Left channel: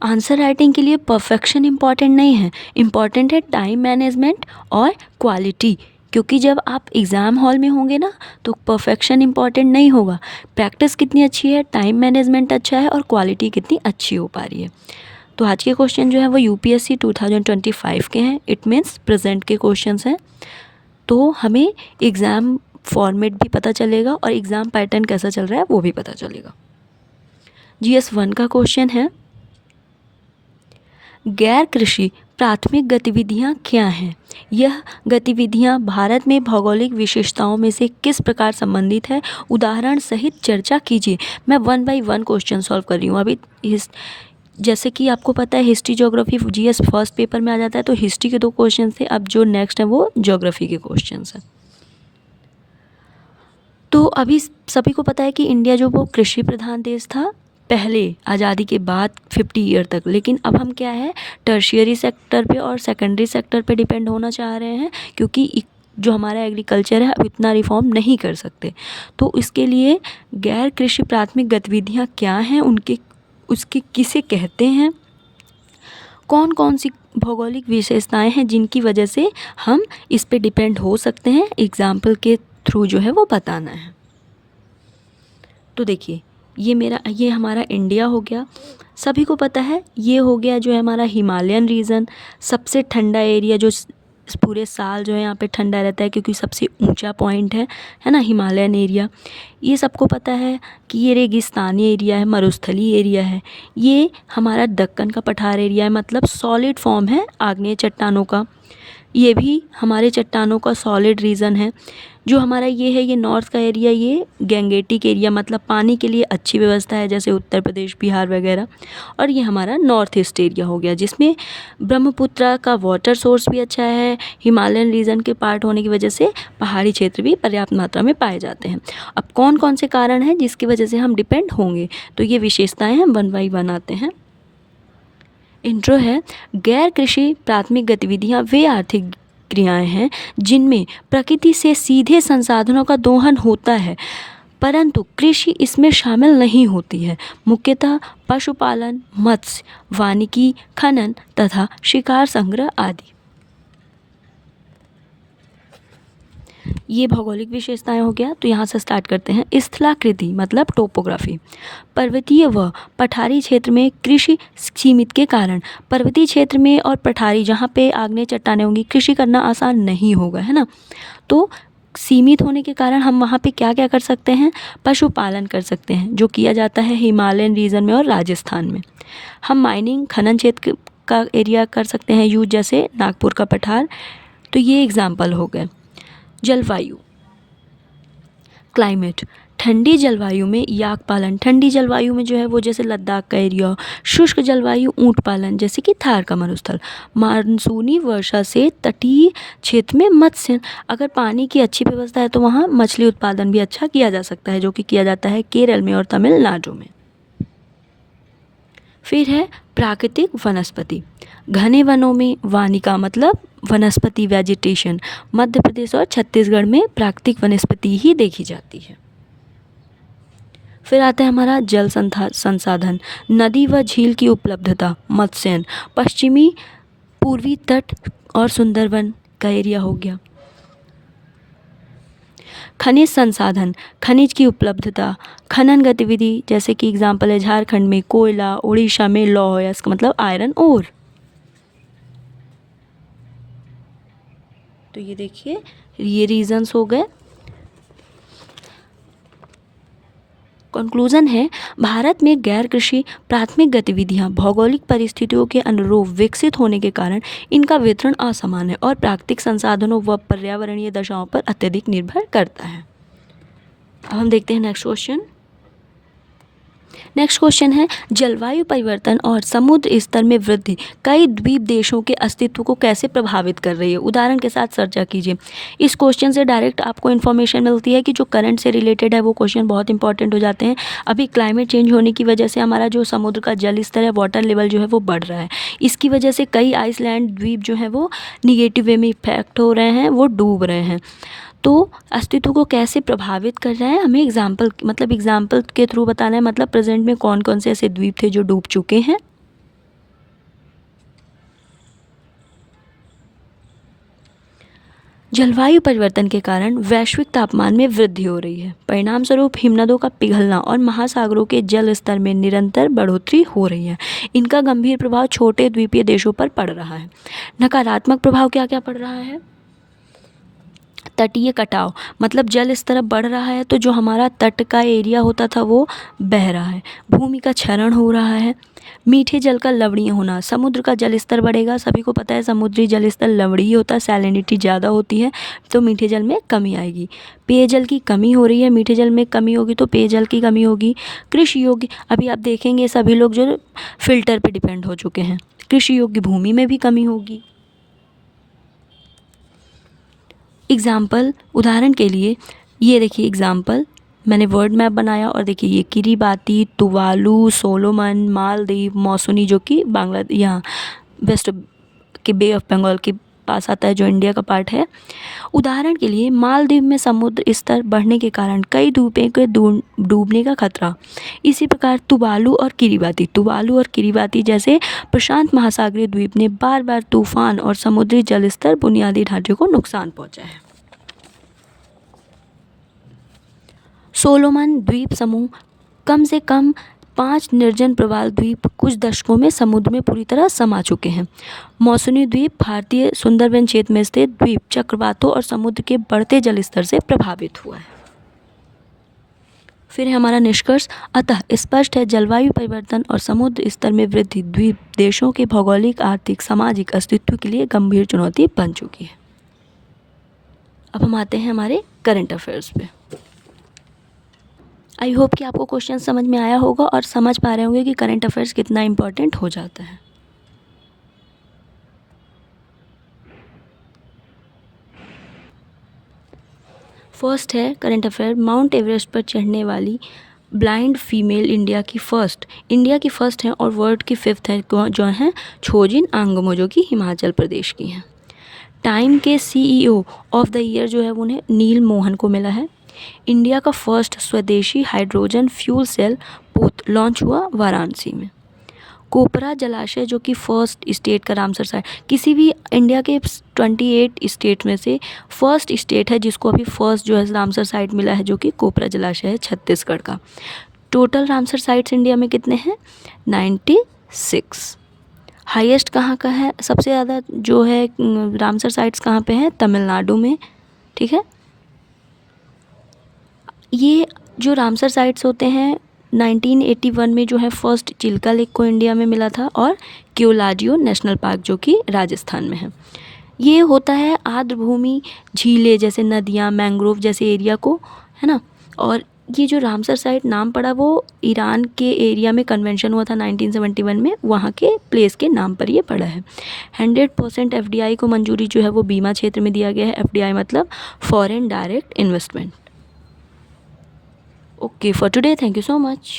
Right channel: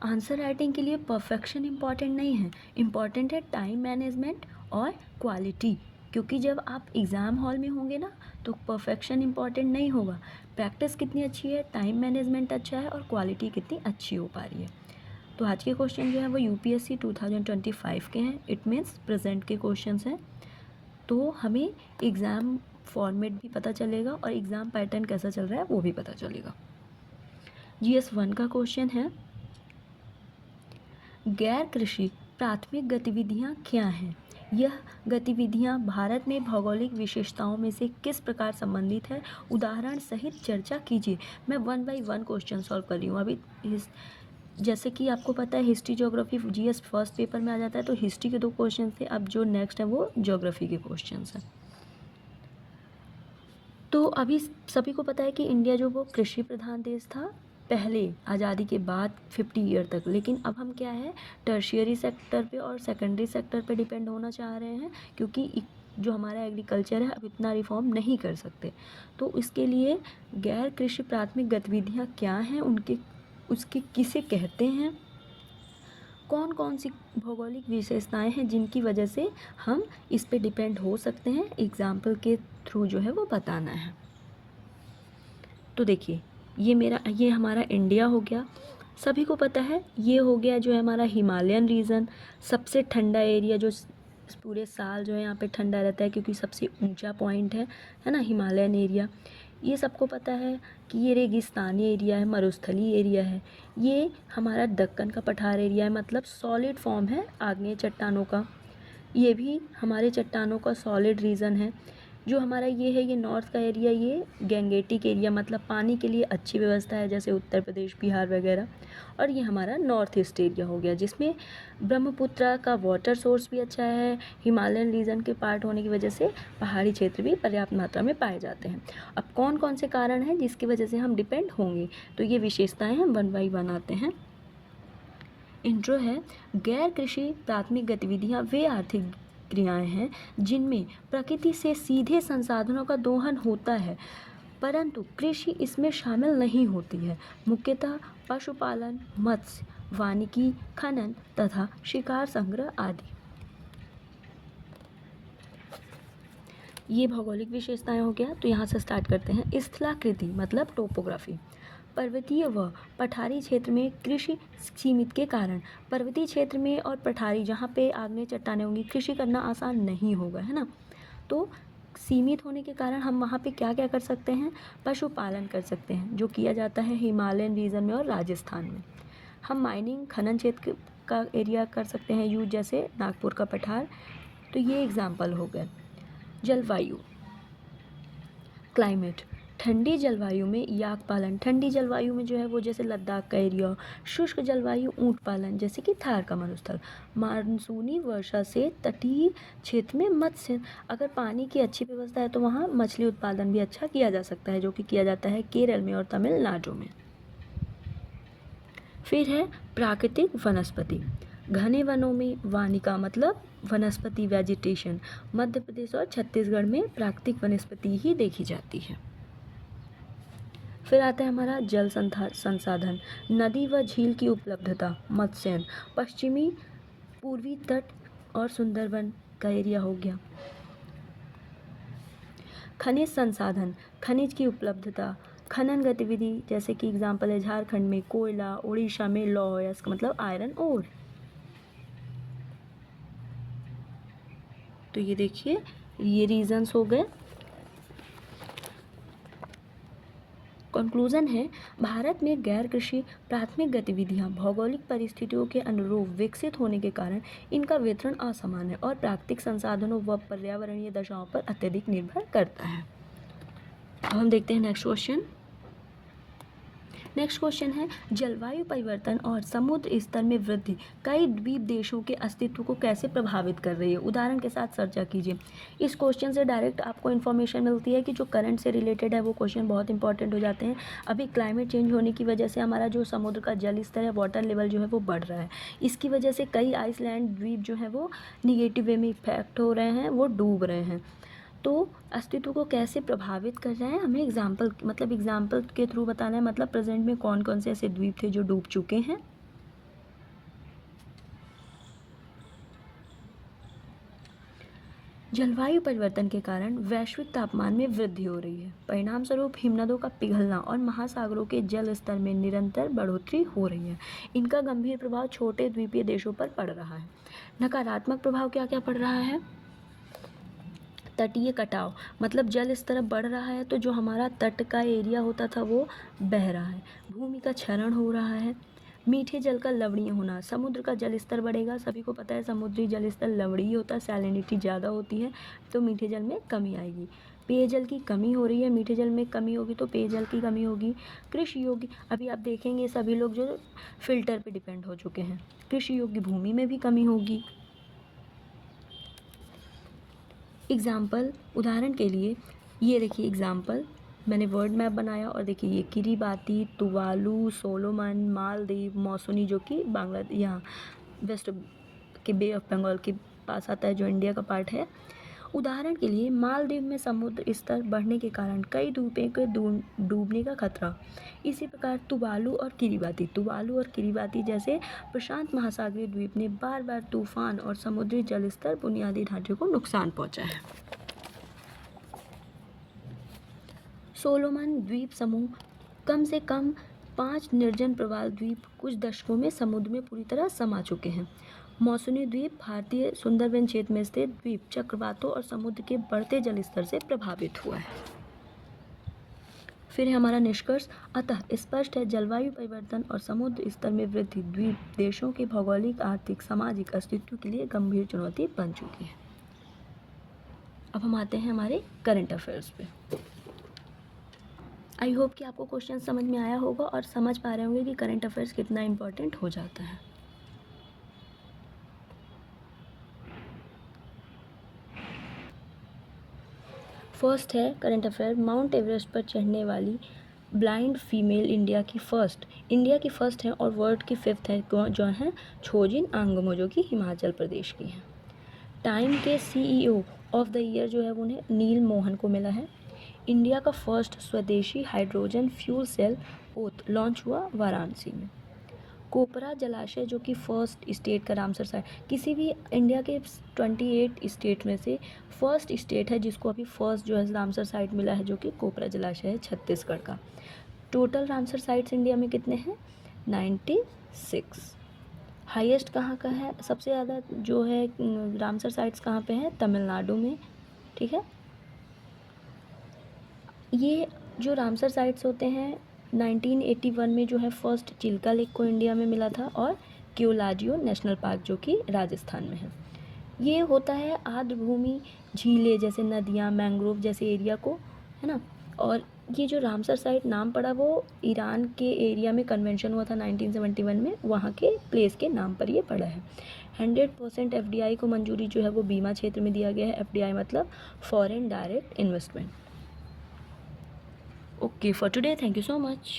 Answer writing के लिए perfection important नहीं है, इम्पॉर्टेंट है टाइम मैनेजमेंट और क्वालिटी। क्योंकि जब आप एग्ज़ाम हॉल में होंगे ना तो परफेक्शन इम्पॉर्टेंट नहीं होगा, प्रैक्टिस कितनी अच्छी है, टाइम मैनेजमेंट अच्छा है और क्वालिटी कितनी अच्छी हो पा रही है। तो आज के क्वेश्चन जो है वो यूपीएससी 2025 के हैं, इट मीन्स प्रेजेंट के क्वेश्चंस हैं। तो हमें एग्ज़ाम फॉर्मेट भी पता चलेगा और एग्ज़ाम पैटर्न कैसा चल रहा है वो भी पता चलेगा। जीएस 1 का क्वेश्चन है, गैर कृषि प्राथमिक गतिविधियाँ क्या हैं? यह गतिविधियाँ भारत में भौगोलिक विशेषताओं में से किस प्रकार संबंधित है? उदाहरण सहित चर्चा कीजिए। मैं 1 बाय 1 क्वेश्चन सॉल्व कर रही हूँ। अभी जैसे कि आपको पता है history geography GS first paper में आ जाता है, तो हिस्ट्री के 2 क्वेश्चन थे, अब जो नेक्स्ट है वो ज्योग्राफी के क्वेश्चन हैं। तो अभी सभी को पता है कि इंडिया जो वो कृषि प्रधान देश था पहले आज़ादी के बाद 50 ईयर तक, लेकिन अब हम क्या है टर्शियरी सेक्टर पे और सेकेंडरी सेक्टर पे डिपेंड होना चाह रहे हैं, क्योंकि जो हमारा एग्रीकल्चर है अब इतना रिफॉर्म नहीं कर सकते। तो इसके लिए गैर कृषि प्राथमिक गतिविधियाँ क्या हैं, उनके उसके किसे कहते हैं, कौन कौन सी भौगोलिक विशेषताएं हैं जिनकी वजह से हम इस पे डिपेंड हो सकते हैं, एग्जाम्पल के थ्रू जो है वो बताना है। तो देखिए ये हमारा इंडिया हो गया, सभी को पता है। ये हो गया जो है हमारा हिमालयन रीजन, सबसे ठंडा एरिया, जो पूरे साल जो है यहाँ पे ठंडा रहता है क्योंकि सबसे ऊंचा पॉइंट है ना हिमालयन एरिया। ये सबको पता है कि ये रेगिस्तानी एरिया है, मरुस्थली एरिया है। ये हमारा दक्कन का पठार एरिया है, मतलब सॉलिड फॉर्म है आग्नेय चट्टानों का। ये भी हमारे चट्टानों का सॉलिड रीजन है। जो हमारा ये है, ये नॉर्थ का एरिया, ये गैंगेटिक एरिया, मतलब पानी के लिए अच्छी व्यवस्था है जैसे उत्तर प्रदेश, बिहार वगैरह। और ये हमारा नॉर्थ ईस्ट एरिया हो गया जिसमें ब्रह्मपुत्र का वाटर सोर्स भी अच्छा है, हिमालयन रीजन के पार्ट होने की वजह से पहाड़ी क्षेत्र भी पर्याप्त मात्रा में पाए जाते हैं। अब कौन कौन से कारण हैं जिसकी वजह से हम डिपेंड होंगे, तो ये विशेषताएँ हम 1 बाय 1 आते हैं। इंट्रो है, गैर कृषि प्राथमिक गतिविधियाँ वे आर्थिक क्रियाएं हैं जिनमें प्रकृति से सीधे संसाधनों का दोहन होता है, परंतु कृषि इसमें शामिल नहीं होती है। मुख्यतः पशुपालन, मत्स्य, वानिकी, खनन तथा शिकार संग्रह आदि। ये भौगोलिक विशेषताएं हो गया। तो यहाँ से स्टार्ट करते हैं। स्थलाकृति मतलब टोपोग्राफी, पर्वतीय व पठारी क्षेत्र में कृषि सीमित के कारण पर्वतीय क्षेत्र में और पठारी जहाँ पे आग्नेय चट्टानें होंगी कृषि करना आसान नहीं होगा, है ना। तो सीमित होने के कारण हम वहाँ पे क्या क्या कर सकते हैं, पशुपालन कर सकते हैं जो किया जाता है हिमालयन रीजन में और राजस्थान में। हम माइनिंग खनन क्षेत्र का एरिया कर सकते हैं यूज, जैसे नागपुर का पठार। तो ये एग्जाम्पल हो गए। जलवायु, क्लाइमेट, ठंडी जलवायु में याक पालन, ठंडी जलवायु में जो है वो जैसे लद्दाख का एरिया। शुष्क जलवायु ऊँट पालन जैसे कि थार का मरुस्थल। मानसूनी वर्षा से तटीय क्षेत्र में मत्स्य, अगर पानी की अच्छी व्यवस्था है तो वहाँ मछली उत्पादन भी अच्छा किया जा सकता है, जो कि किया जाता है केरल में और तमिलनाडु में। फिर है प्राकृतिक वनस्पति, घने वनों में वानिका मतलब वनस्पति वेजिटेशन, मध्य प्रदेश और छत्तीसगढ़ में प्राकृतिक वनस्पति ही देखी जाती है। फिर आता है हमारा जल संसाधन, नदी व झील की उपलब्धता, मत्स्यन, पश्चिमी पूर्वी तट और सुंदरवन का एरिया हो गया। खनिज संसाधन, खनिज की उपलब्धता, खनन गतिविधि जैसे कि एग्जाम्पल है झारखंड में कोयला, उड़ीसा में लौह, इसका मतलब आयरन ओर। तो ये देखिए ये रीजंस हो गए। कंक्लूजन है, भारत में गैर कृषि प्राथमिक गतिविधियां भौगोलिक परिस्थितियों के अनुरूप विकसित होने के कारण इनका वितरण असमान है और प्राकृतिक संसाधनों व पर्यावरणीय दशाओं पर अत्यधिक निर्भर करता है। अब हम देखते हैं नेक्स्ट क्वेश्चन। नेक्स्ट क्वेश्चन है, जलवायु परिवर्तन और समुद्र स्तर में वृद्धि कई द्वीप देशों के अस्तित्व को कैसे प्रभावित कर रही है? उदाहरण के साथ चर्चा कीजिए। इस क्वेश्चन से डायरेक्ट आपको इन्फॉर्मेशन मिलती है कि जो करंट से रिलेटेड है वो क्वेश्चन बहुत इंपॉर्टेंट हो जाते हैं। अभी क्लाइमेट चेंज होने की वजह से हमारा जो समुद्र का जल स्तर है, वाटर लेवल जो है वो बढ़ रहा है। इसकी वजह से कई आइसलैंड द्वीप जो है वो निगेटिव वे में इफेक्ट हो रहे हैं, वो डूब रहे हैं। तो अस्तित्व को कैसे प्रभावित कर रहा है, हमें एग्जाम्पल के थ्रू बताना है, मतलब प्रेजेंट में कौन कौन से ऐसे द्वीप थे जो डूब चुके हैं। जलवायु परिवर्तन के कारण वैश्विक तापमान में वृद्धि हो रही है। परिणाम स्वरूप हिमनदों का पिघलना और महासागरों के जल स्तर में निरंतर बढ़ोतरी हो रही है। इनका गंभीर प्रभाव छोटे द्वीपीय देशों पर पड़ रहा है। नकारात्मक प्रभाव क्या क्या पड़ रहा है? तटीय कटाव, मतलब जल स्तर बढ़ रहा है तो जो हमारा तट का एरिया होता था वो बह रहा है। भूमि का क्षरण हो रहा है। मीठे जल का लवणीय होना, समुद्र का जल स्तर बढ़ेगा। सभी को पता है समुद्री जल स्तर लवणीय होता है, सैलिनिटी ज़्यादा होती है, तो मीठे जल में कमी आएगी। पेयजल की कमी हो रही है, मीठे जल में कमी होगी तो पेयजल की कमी होगी। कृषि योग्य, अभी आप देखेंगे सभी लोग जो फिल्टर पे डिपेंड हो चुके हैं। कृषि योग्य भूमि में भी कमी होगी। एग्ज़ाम्पल, उदाहरण के लिए ये देखिए एग्ज़ाम्पल, मैंने वर्ड मैप बनाया और देखिए ये किरीबाती, तुवालू, सोलोमन, मालदीव, मौसुनी जो कि बांग्लादेश यहाँ वेस्ट के बे ऑफ बंगाल के पास आता है, जो इंडिया का पार्ट है। उदाहरण के लिए मालदीव में समुद्र स्तर बढ़ने के कारण कई द्वीपों के डूबने का खतरा। इसी प्रकार तुवालू और किरीबाती जैसे प्रशांत महासागरीय द्वीप ने बार बार तूफान और समुद्री जल स्तर बुनियादी ढांचे को नुकसान पहुंचा है। सोलोमन द्वीप समूह, कम से कम 5 निर्जन प्रवाल द्वीप कुछ दशकों में समुद्र में पूरी तरह समा चुके हैं। मौसुनी द्वीप भारतीय सुंदरबन क्षेत्र में स्थित द्वीप चक्रवातों और समुद्र के बढ़ते जल स्तर से प्रभावित हुआ है। फिर है हमारा निष्कर्ष, अतः स्पष्ट है जलवायु परिवर्तन और समुद्र स्तर में वृद्धि द्वीप देशों के भौगोलिक, आर्थिक, सामाजिक अस्तित्व के लिए गंभीर चुनौती बन चुकी है। अब हम आते हैं हमारे करंट अफेयर्स पे। आई होप कि आपको क्वेश्चन समझ में आया होगा और समझ पा रहे होंगे कि करंट अफेयर्स कितना इम्पोर्टेंट हो जाता है। फर्स्ट है करंट अफेयर, माउंट एवरेस्ट पर चढ़ने वाली ब्लाइंड फीमेल इंडिया की फर्स्ट हैं और वर्ल्ड की 5th है जो हैं छोजिन आंगमो, जो कि हिमाचल प्रदेश की हैं। टाइम के CEO ऑफ द ईयर जो है उन्हें नील मोहन को मिला है। इंडिया का फर्स्ट स्वदेशी हाइड्रोजन फ्यूल सेल पोत लॉन्च हुआ वाराणसी में। कोपरा जलाशय जो कि फर्स्ट स्टेट का रामसर साइट, किसी भी इंडिया के 28 स्टेट में से फर्स्ट स्टेट है जिसको अभी फर्स्ट जो है रामसर साइट मिला है, जो कि कोपरा जलाशय है छत्तीसगढ़ का। टोटल रामसर साइट्स इंडिया में कितने हैं? 96। हाईएस्ट कहाँ का है? सबसे ज़्यादा जो है रामसर साइट्स कहाँ पे हैं? तमिलनाडु में। ठीक है, ये जो रामसर साइट्स होते हैं 1981 में जो है फर्स्ट चिल्का लेक को इंडिया में मिला था, और क्योलाजियो नेशनल पार्क जो कि राजस्थान में है। ये होता है आर्द्र भूमि, झीलें जैसे नदियाँ, मैंग्रोव जैसे एरिया को, है ना। और ये जो रामसर साइट नाम पड़ा वो ईरान के एरिया में कन्वेंशन हुआ था 1971 में, वहाँ के प्लेस के नाम पर ये पड़ा है। 100% FDI को मंजूरी जो है वो बीमा क्षेत्र में दिया गया है। FDI मतलब foreign direct investment. Okay, for today, thank you so much.